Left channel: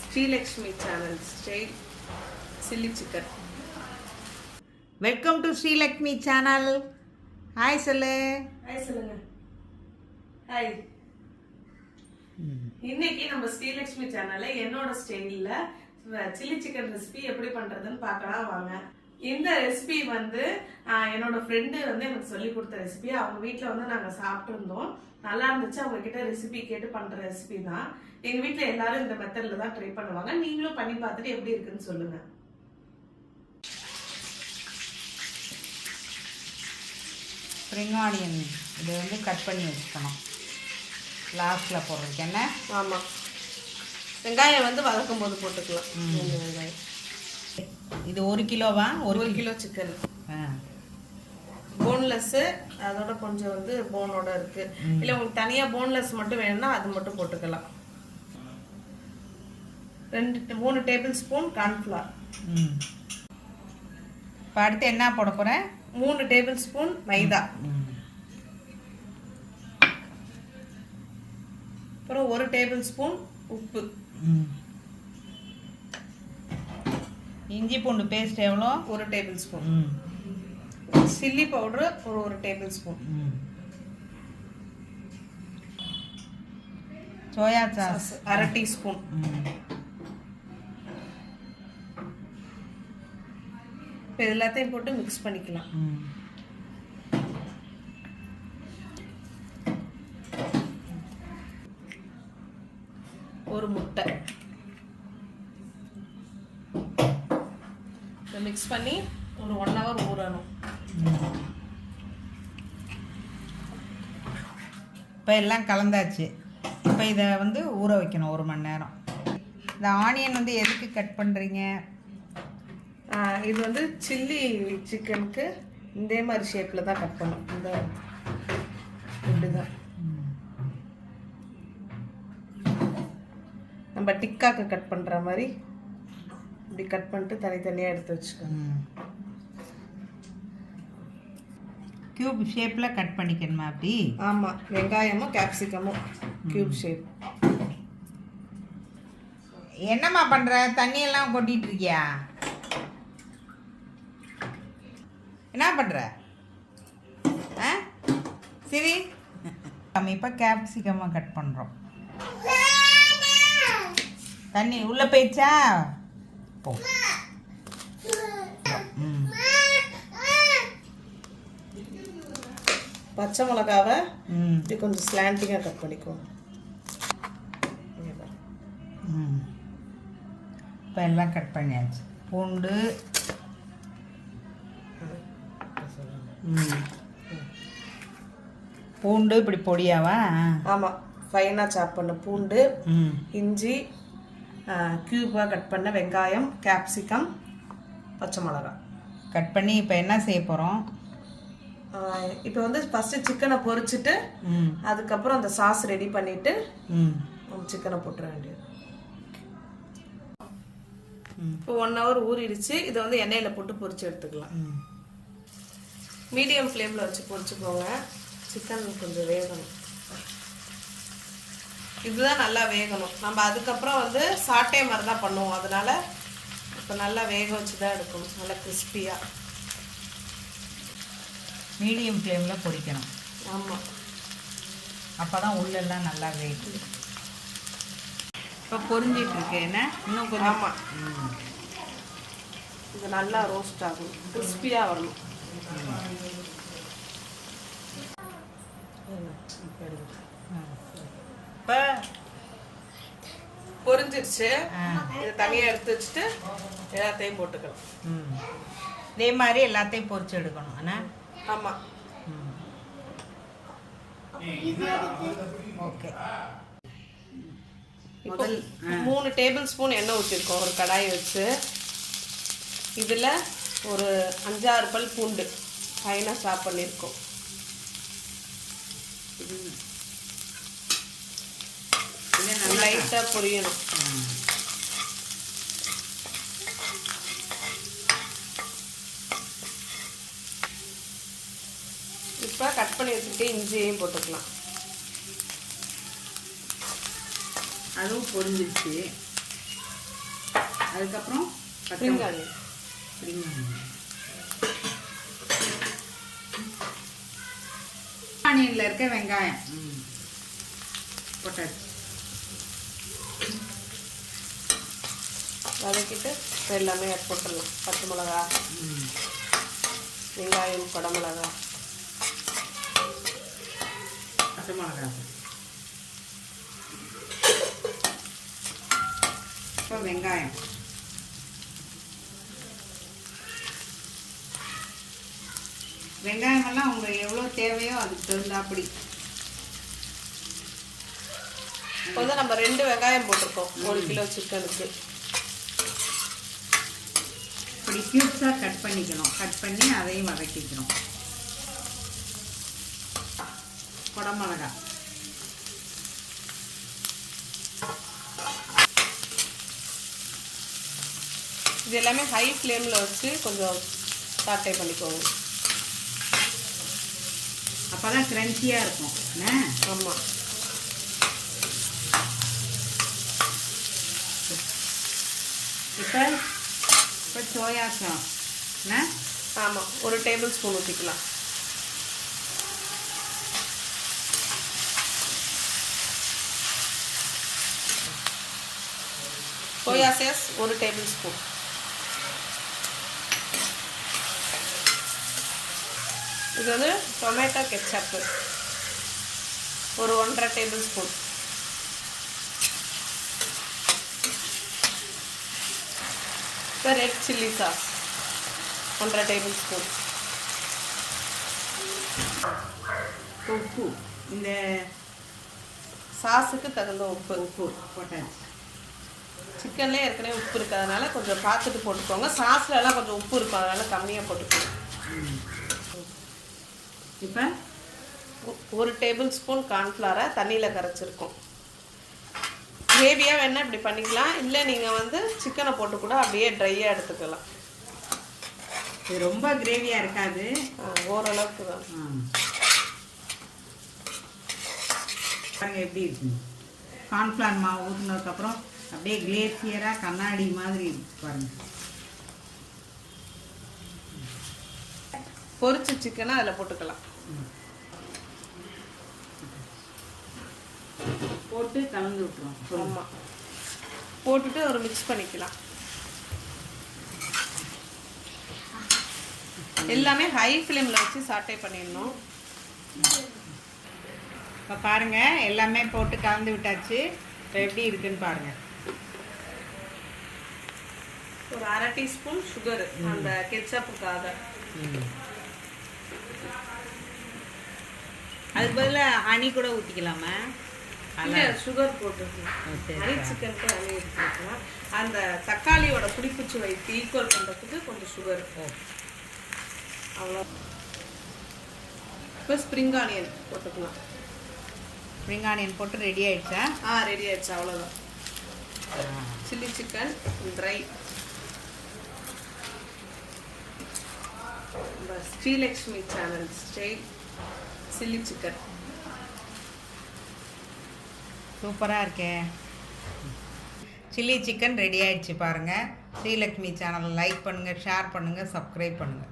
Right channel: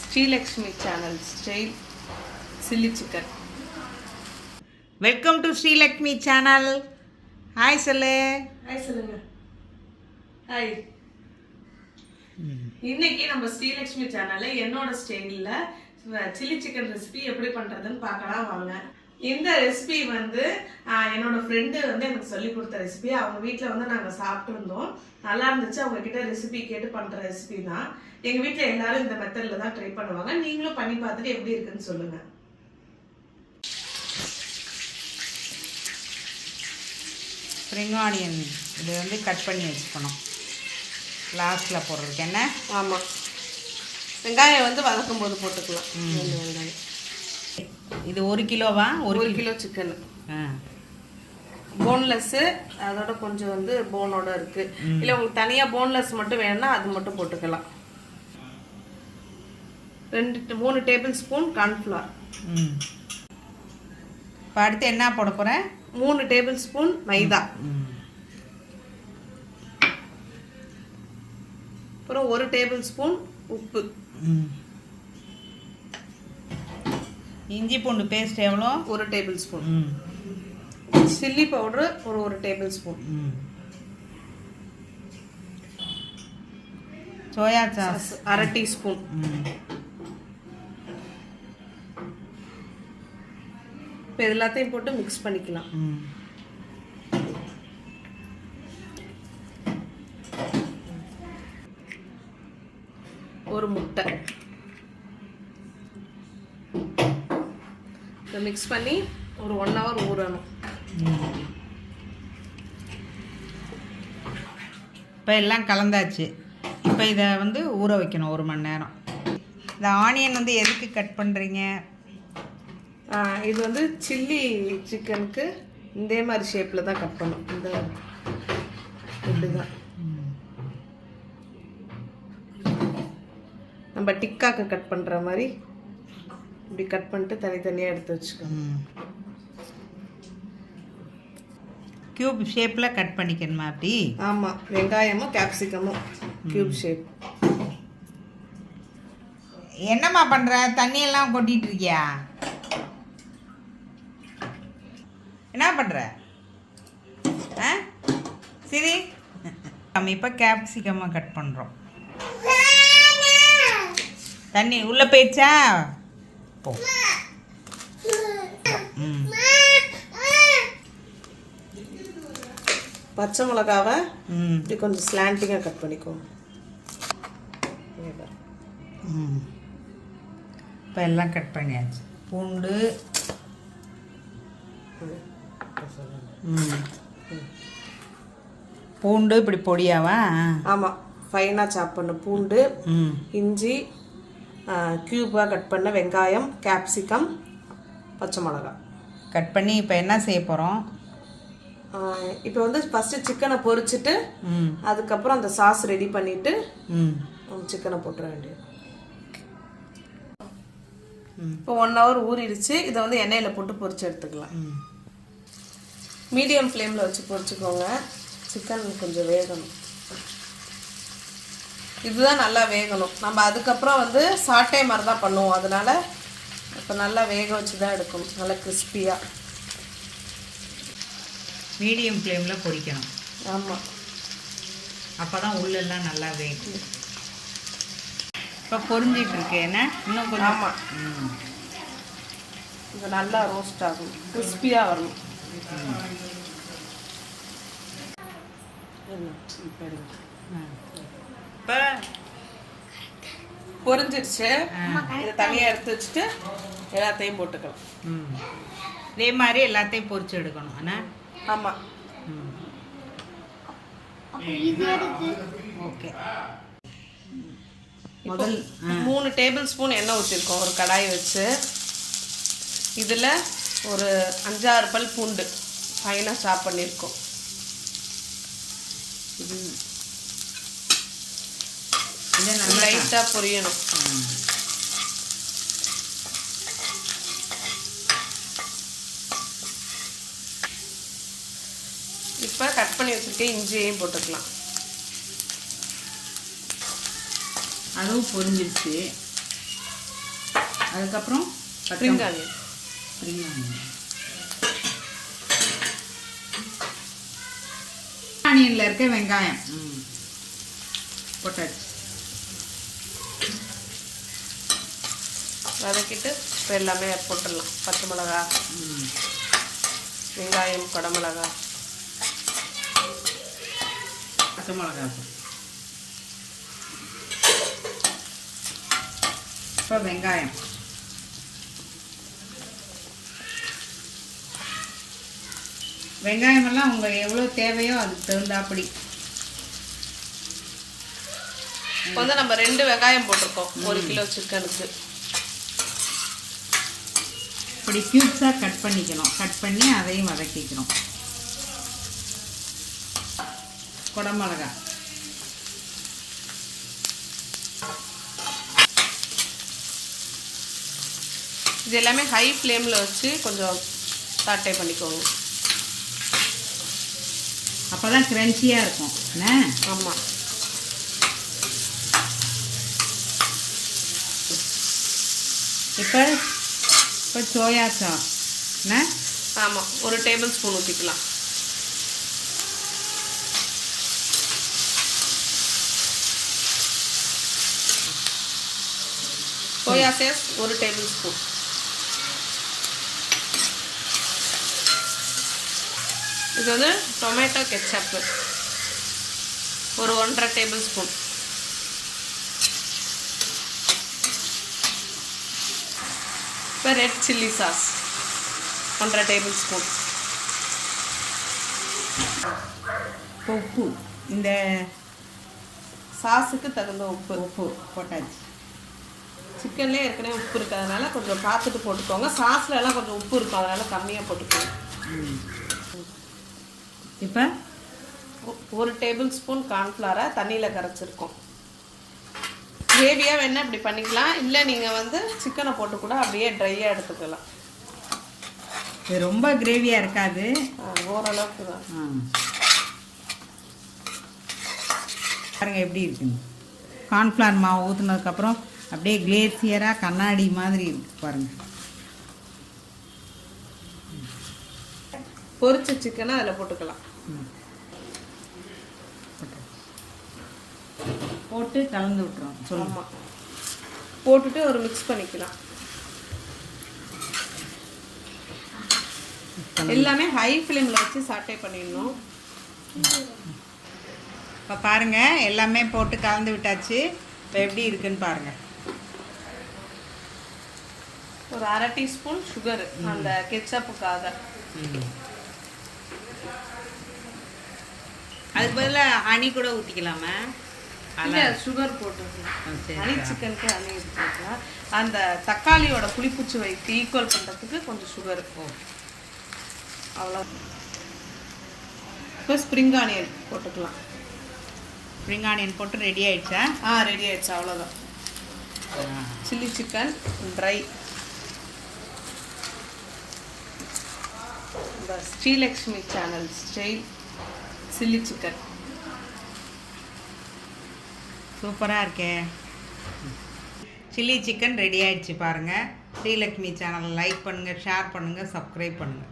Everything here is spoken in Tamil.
Srilakshmi channel style chilli chicken. Welcome to Srilakshmi channel. Hi சொல்லு. ஹாய் சொல்லுங்க. ஹாய். இன்னைக்கு நம்ம ஸ்ரீலக்ஷ்மி சேனல்ல என்னோட ஸ்டைலில் சில்லி சிக்கன் ரெசிபி எப்படி பண்ணுறதுன்னு பார்க்கலாம் வாங்க. இந்த ரெசிபி வந்து என்னோட ஃப்ரெண்டு வந்து எனக்கு சொல்லி கொடுத்த ரெசிபி. அவங்க வீட்டில் வந்து நாங்கள் சாப்பிட்ருந்தோம், நல்லா இருந்துச்சு. அவங்க கிட்ட ரெசிபி கேட்டு பண்ணுற ரெசிபி தான். எங்கள் வீட்டில் எல்லாரும் இந்த மெத்தடில் தான் ட்ரை பண்ணுவாங்க. நீங்களும் பண்ணி பார்த்துட்டு எப்படி இருக்குன்னு சொல்லுங்கள். ஸ்ப்ரிங் ஆனியன் இது வந்து கட் பண்ணி வச்சுக்கணும் லாஸ்ட்டில் போடுறதுக்கு. என்ன? ஆமாம், வெங்காயம் வந்து வதக்கும் போது போட்டுக்கலாம். வெங்காயம் இது 1 கிலோவா? 1 கிலோ சிக்கன். போன்லெஸ்ஸு, அதோட கொஞ்சம் வந்து போனோட இருக்கு. இல்லை உங்களுக்கு தனியாக போன்லெஸ் மட்டும் வேணும்னா அது மட்டும் போட்டுக்கலாம். 3 டேபிள் ஸ்பூன் கார்ன்ஃப்ளவர். இப்போ அடுத்து என்ன போட போகிறேன்? 3 டேபிள் ஸ்பூன் மைதா. அப்புறம் 1 டேபிள் ஸ்பூன் உப்பு. இஞ்சி பூண்டு பேஸ்ட் எவ்வளோ? 1 டேபிள் ஸ்பூன். சில்லி பவுடர் ஒரு 1 table spoon. Soya sauce 1/2 teaspoon. இப்போ இது எல்லாத்தையும் போட்டு மிக்ஸ் பண்ணிக்கலாம். ஒரு முட்டை மிக்ஸ் பண்ணி ஒரு 1 hour ஊறணும். இப்போ எல்லாம் கலந்தாச்சு. இப்போ இதை வந்து ஊற வைக்கணும் 1 மணி நேரம். இந்த ஆனியன் வந்து எதுக்கு கட் பண்ணுறீங்க? இது வந்து சில்லி சிக்கனுக்கு இதே மாதிரி ஷேப்பில் தான் கட் பண்ணும். இந்த இப்படி தான் நம்ம டிக்காக்கு கட் பண்ணுற மாதிரி இப்படி கட் பண்ணிட்டு தனித்தனியாக எடுத்து வச்சுக்கோங்க. க்யூப் ஷேப்பில் கட் பண்ணிக்கணுமா அப்படி? ஆமாம், வெங்காயமும் கேப்சிகமும் க்யூப் ஷேப். என்னம்மா பண்ணுற? தண்ணியெல்லாம் கொட்டிகிட்டு இருக்கியா? என்ன பண்ணுற? சரி, நம்ம இப்போ கேப்சிகமாக கட் பண்ணுறோம். தண்ணி உள்ளே போயிடுச்சா? போ. பச்சை மிளகாவை இப்படி கொஞ்சம் ஸ்லாண்டிங்காக கட் பண்ணிக்குவோம். இப்போ எல்லாம் கட் பண்ணியாச்சு. பூண்டு பூண்டு இப்படி பொடியாவா? ஆமாம், ஃபைனாக சாப் பண்ண பூண்டு, இஞ்சி, க்யூபாக கட் பண்ண வெங்காயம், கேப்சிகம், பச்சை மிளகா கட் பண்ணி இப்போ என்ன செய்ய போகிறோம்? இப்போ வந்து ஃபஸ்ட்டு சிக்கனை பொரிச்சிட்டு அதுக்கப்புறம் அந்த சாஸ் ரெடி பண்ணிவிட்டு சிக்கனை போட்டுற வேண்டியது. இப்போ 1 hour ஊறிடுச்சு. இதை வந்து எண்ணெயில் போட்டு பொரிச்சு எடுத்துக்கலாம். மீடியம் ஃப்ளேமில் வச்சு பொரிச்சுக்கோங்க. சிக்கன் கொஞ்சம் வேகணும். இதுதான் நல்லா வேகணும். நம்ம அதுக்கப்புறம் வந்து சாட்டே மாதிரி தான் பண்ணுவோம். அதனால இப்போ நல்லா வேக வச்சு தான் எடுக்கணும், நல்லா கிறிஸ்பியாக. மீடியம் ஃப்ளேமில் பொரிக்கணும். ஆமாம், அப்போ தான் உள்ளெல்லாம் நல்லா வேகும். இப்போ பொரிஞ்சிட்டு இருக்கு. என்ன இன்னும் கொஞ்சம்? ஆமாம், இது நல்லா ரோஸ்ட் ஆகும், கிறிஸ்பியாக வரணும். இப்போ பொரிஞ்சிருச்சு. இதை தனியாக எடுத்து வச்சுட்டு எல்லாத்தையும் போட்டுக்கலாம். இதே மாதிரி எல்லாத்தையும் பொரிச்சு எடுக்கணும். ஆனால் ஆமாம், ஓகே. முதல் 3 டேபிள் ஸ்பூன் எண்ணெய் ஊற்றிருக்கோம் ஒரு கடாய் வச்சு. இதில் ஒரு 5-6 பல் பூண்டு ஃபைனாக சாப் பண்ணியிருக்கோம். லைட்டாக பொரியணும். இப்போ கட் பண்ணி வச்சுருக்க இஞ்சியையும் போட்டுக்கலாம். அதுவும் பொரிஞ்சிருச்சு. அதுக்கப்புறம் ஸ்ப்ரிங் ஆனியன். ஆனியனில் இருக்க வெங்காயம் போட்டாச்சு. வதக்கிட்டு இப்போ எல்லாமே போட்டுடலாம். பச்சை மிளகா, வெங்காயம், குடமிளகா, பச்சை மிளகா. இப்போ வெங்காயம், வெங்காயமெல்லாம் உங்களுக்கு எவ்வளோ தேவையோ அதுக்கு தகுந்தாப்படி. இப்போ வந்து நம்ம 2 வெங்காயம் போட்டிருக்கோம் 1 கிலோ சிக்கனுக்கு. இப்படி க்யூப்ஸாக கட் பண்ணிக்கணும். கட் பண்ணி அதையும் வதக்கிக்கணும். குடமிளகா, இது எல்லாமே ஹை ஃப்ளேமில் வச்சு கொஞ்சம் சாட்டை பண்ணிக்கோங்க. அப்போ தான் க்ரன்ச்சியாக இருக்கும். என்ன? ஆமாம். இப்போ சோயா சாஸ் என்ன? ஆமாம், 1 டேபிள் ஸ்பூன் ஊற்றிக்கலாம். Soya sauce 1 table spoon. இது வந்து டொமேட்டோ கெச்சப்பு 1.5 டேபிள் ஸ்பூன். இப்போ red chilli sauce 1.5 table spoon. உப்பு, இந்த சாஸுக்கு தகுந்த உப்பு போட்டாச்சு. சிக்கன்லேயே ஏற்கனவே உப்பு இருக்கிறதுனால கொஞ்சம் பார்த்துட்டு போட்டுக்கோங்க. சாஸ்லலாம் கொஞ்சம் உப்பு இருக்கும், அதனால் கம்மியாக போட்டுக்கோங்க. இப்போ 1 டேபிள் ஸ்பூன் கார்ன்ஃப்ளவரை தண்ணியில் கரைச்சிருக்கோம். கிரேவியாக வேணால் இப்படி பண்ணிக்கலாம், இல்லை நீங்கள் வந்து சிக்கனை போட்டு கூட அப்படியே ட்ரையாக எடுத்துக்கலாம். இது ரொம்ப கிரேவியாக இருக்காது, ஓரளவுக்கு தான். பாருங்க எப்படி இருக்குங்க. கார்ன்ஃப்ளவர் மாவு ஊற்றுனதுக்கப்புறம் அப்படியே கிளேசியராக கண்ணாடி மாதிரி இருக்கு பாருங்க. பொரிச்ச சிக்கனை அதில் போட்டுக்கலாம். போட்டு கலந்து விட்டுரும். ஆமாம், போட்டுட்டு ஒரு மிக்ஸ் பண்ணிக்கலாம். எல்லாமே ஹை ஃப்ளேமில் வச்சு சாட்டை பண்ணிடணும். இப்போ பாருங்கள் எல்லாமே போட்டு கலந்து விட்டாச்சு. இப்போ எப்படி இருக்குன்னு பாருங்கள். ஒரு 1/2 டீஸ்பூன் சுகர் அந்த கெச்சப்புக்காக. அதுக்கு பதிலாக ஹனி கூட ஊற்றிக்கலாமா? இல்லை, சுகர் போட்டுக்கலாம். ஹனி சிக்கனுக்கு ஹனி ஊற்றிக்கலாம். அந்த தக்காளியோட புளிப்புச்சுவைக்கு ஈக்குவல் பண்ணுறதுக்கு கொஞ்சம் சுகர். அவ்வளோ. இப்போ ஸ்ப்ரிங் ஆனியன் போட்டுக்கலாம். ஸ்ப்ரிங் ஆனியன் போட்டு ரெடி ஆயிடுச்சா? ரெடி ஆயிடுச்சு, அவ்வளோதான். Chilli chicken dry. இந்த Srilakshmi channel style chilli chicken சூப்பராக இருக்கே. சில்லி சிக்கன் ரெடி ஆயிடுச்சு பாருங்கள். ஸ்ரீலக்ஷ்மி சேனலை லைக் பண்ணுங்கள், ஷேர் பண்ணுங்கள், சப்ஸ்கிரைப் பண்ணுங்கள்.